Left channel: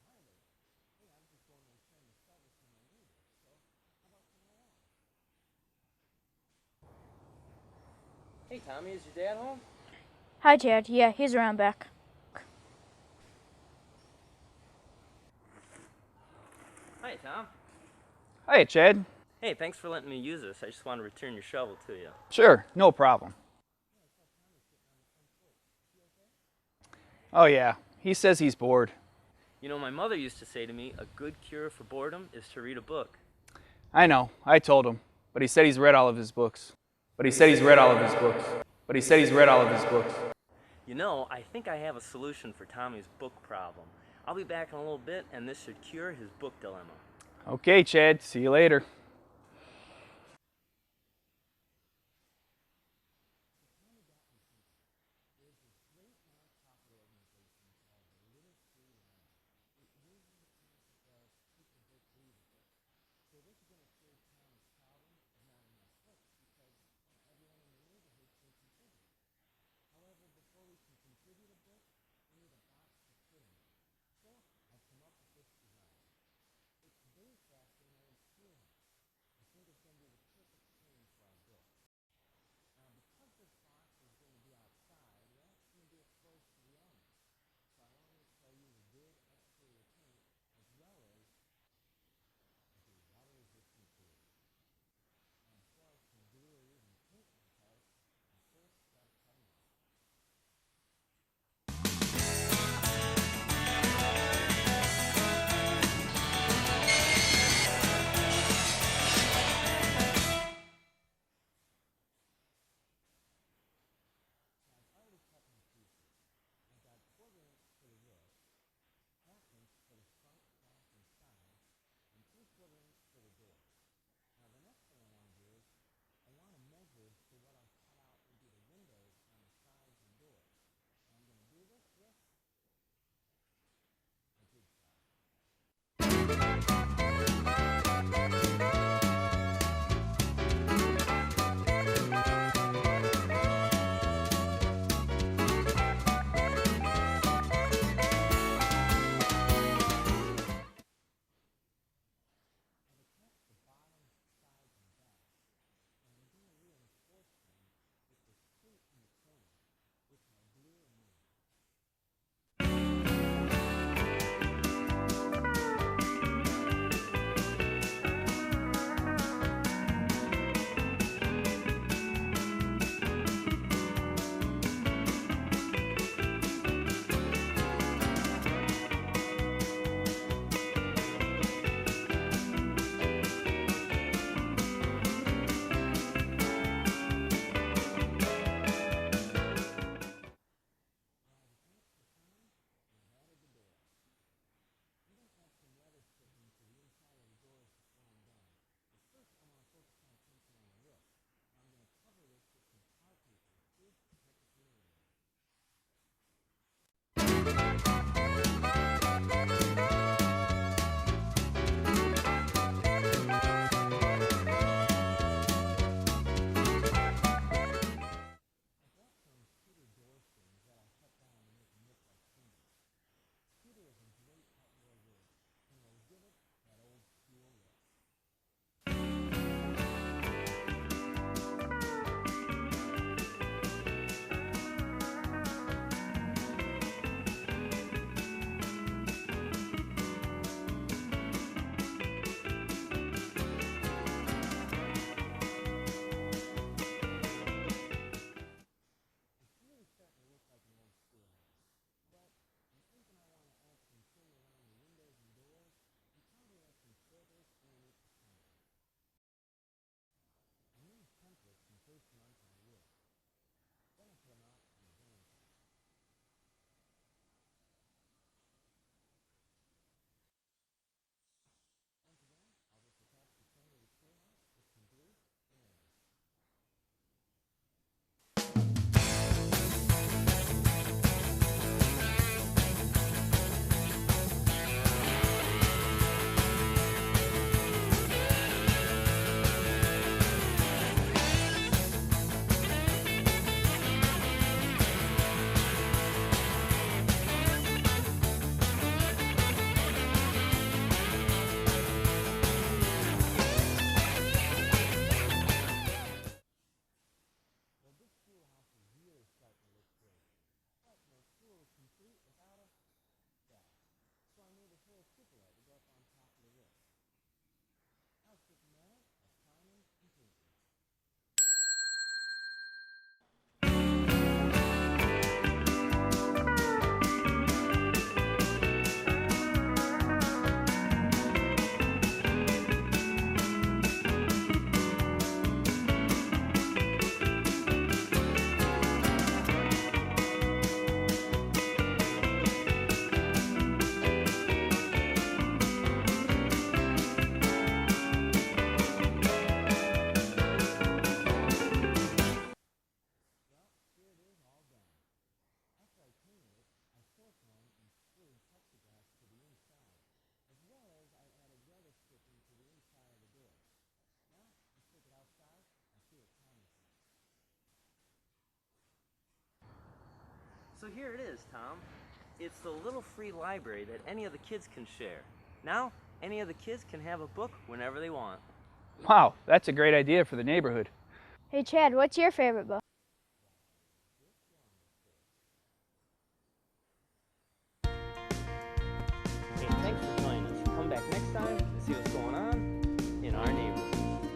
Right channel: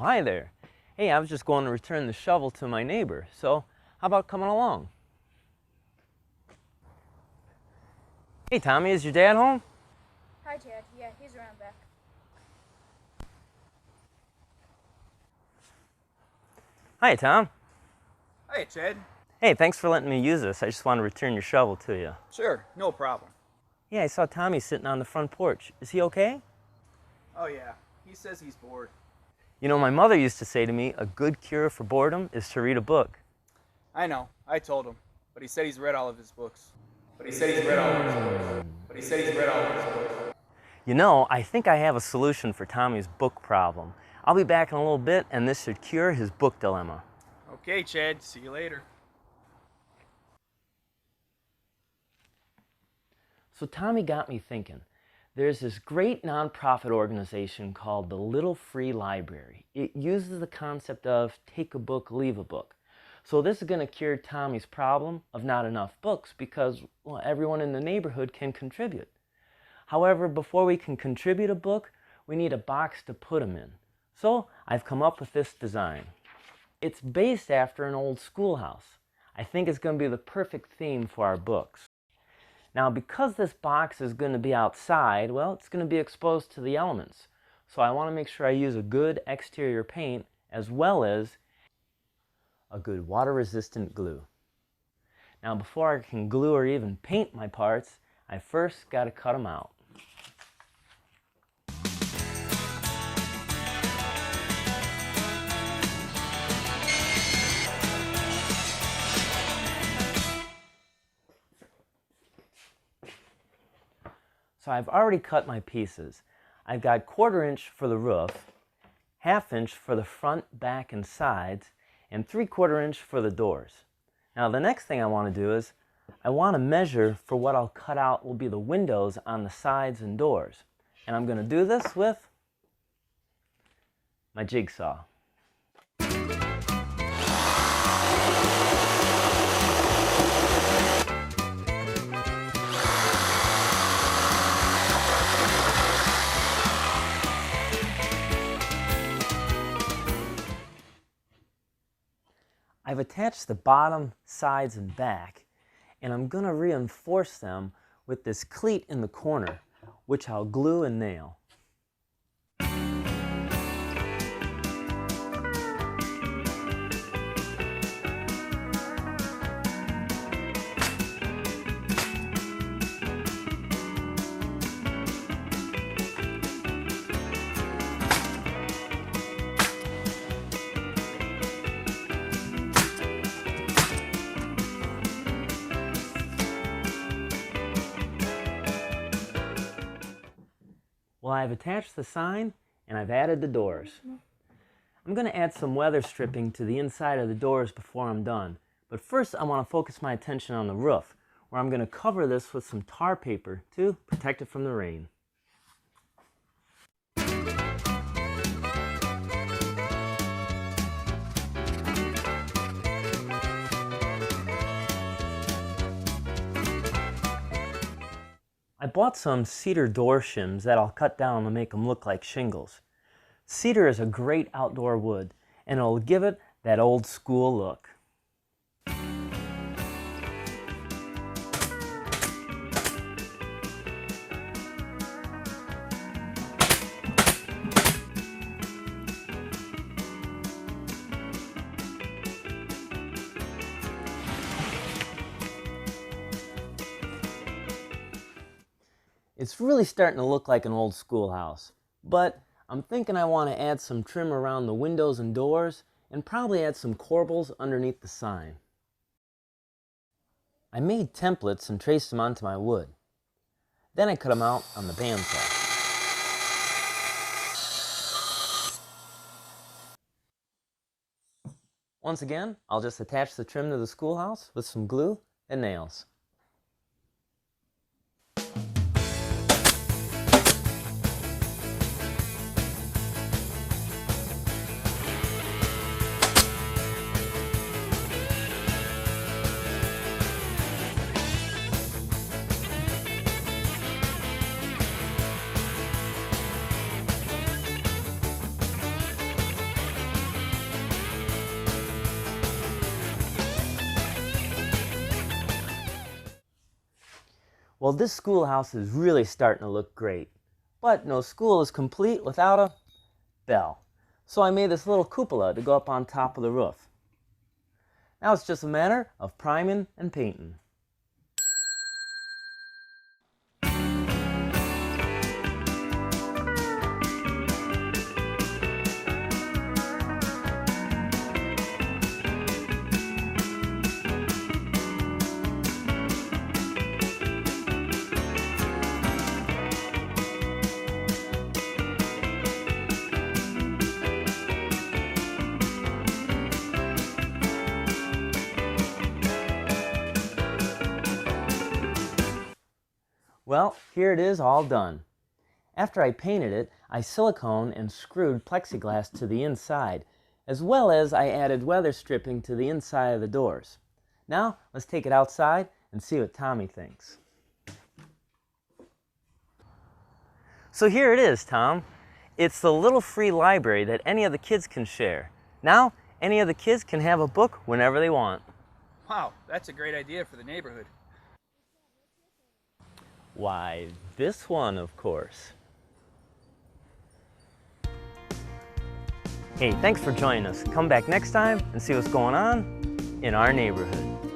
Oh, hi there. Hey, I was just going to return the shovel to my neighbor, so how about coming along? Hey, Tommy, is your dad home? Hi, Chad. Yeah, he's around back. Hi, Tom. Hey, Chad. Hey, thanks for letting me use this. I just want to return your shovel to you. Sure, no problem. Yeah, I saw Tommy sitting on the front porch. Is he okay? Oh yeah, he says he's bored. You know, my mother used to say to me, a good cure for boredom is to read a book. I know, I told him, but he said he's read all of his books. You know, I think I have a solution for Tommy's book problem. I'll be back in a little bit, and this should cure his book dilemma. Okay, Chad, see you later. So Tommy got me thinking. There's this great nonprofit organization called the Little Free Library. It uses the concept of take a book, leave a book. So this is going to cure Tommy's problem of not enough books because, well, everyone in the neighborhood can contribute. However, before we can contribute a book, we need a box to put them in. So I've come up with this design. It's based after an old schoolhouse. I think it's going to be the perfect theme for our books. Now, because this box is going to be outside, well, it's going to be exposed to the elements. So I want to make sure I use a good exterior paint as well as a good water-resistant glue. Now, before I can glue or even paint my parts, I first got to cut them out. So I've already cut my pieces. I've got 1/4 inch for the roof, 1/2 inch for the front, back, and sides, and 3/4 inch for the doors. Now the next thing I want to do is I want to measure for what I'll cut out will be the windows on the sides and doors. And I'm going to do this with my jigsaw. I've attached the bottom, sides, and back, and I'm going to reinforce them with this cleat in the corner, which I'll glue and nail. Well, I've attached the sign and I've added the doors. I'm going to add some weather stripping to the inside of the doors before I'm done. But first I want to focus my attention on the roof, where I'm going to cover this with some tar paper to protect it from the rain. I bought some cedar door shims that I'll cut down to make them look like shingles. Cedar is a great outdoor wood, and it'll give it that old school look. It's really starting to look like an old schoolhouse, but I'm thinking I want to add some trim around the windows and doors and probably add some corbels underneath the sign. I made templates and traced them onto my wood. Then I cut them out on the bandsaw. Once again, I'll just attach the trim to the schoolhouse with some glue and nails. Well, this schoolhouse is really starting to look great, but no school is complete without a bell. So I made this little cupola to go up on top of the roof. Now it's just a matter of priming and painting. Well, here it is all done. After I painted it, I silicone and screwed plexiglass to the inside, as well as I added weather stripping to the inside of the doors. Now, let's take it outside and see what Tommy thinks. So here it is, Tom. It's the little free library that any of the kids can share. Now, any of the kids can have a book whenever they want. Wow, that's a great idea for the neighborhood. Hey Chad, what's your favorite book? Why, this one, of course. Hey, thanks for joining us. Come back next time and see what's going on in our neighborhood.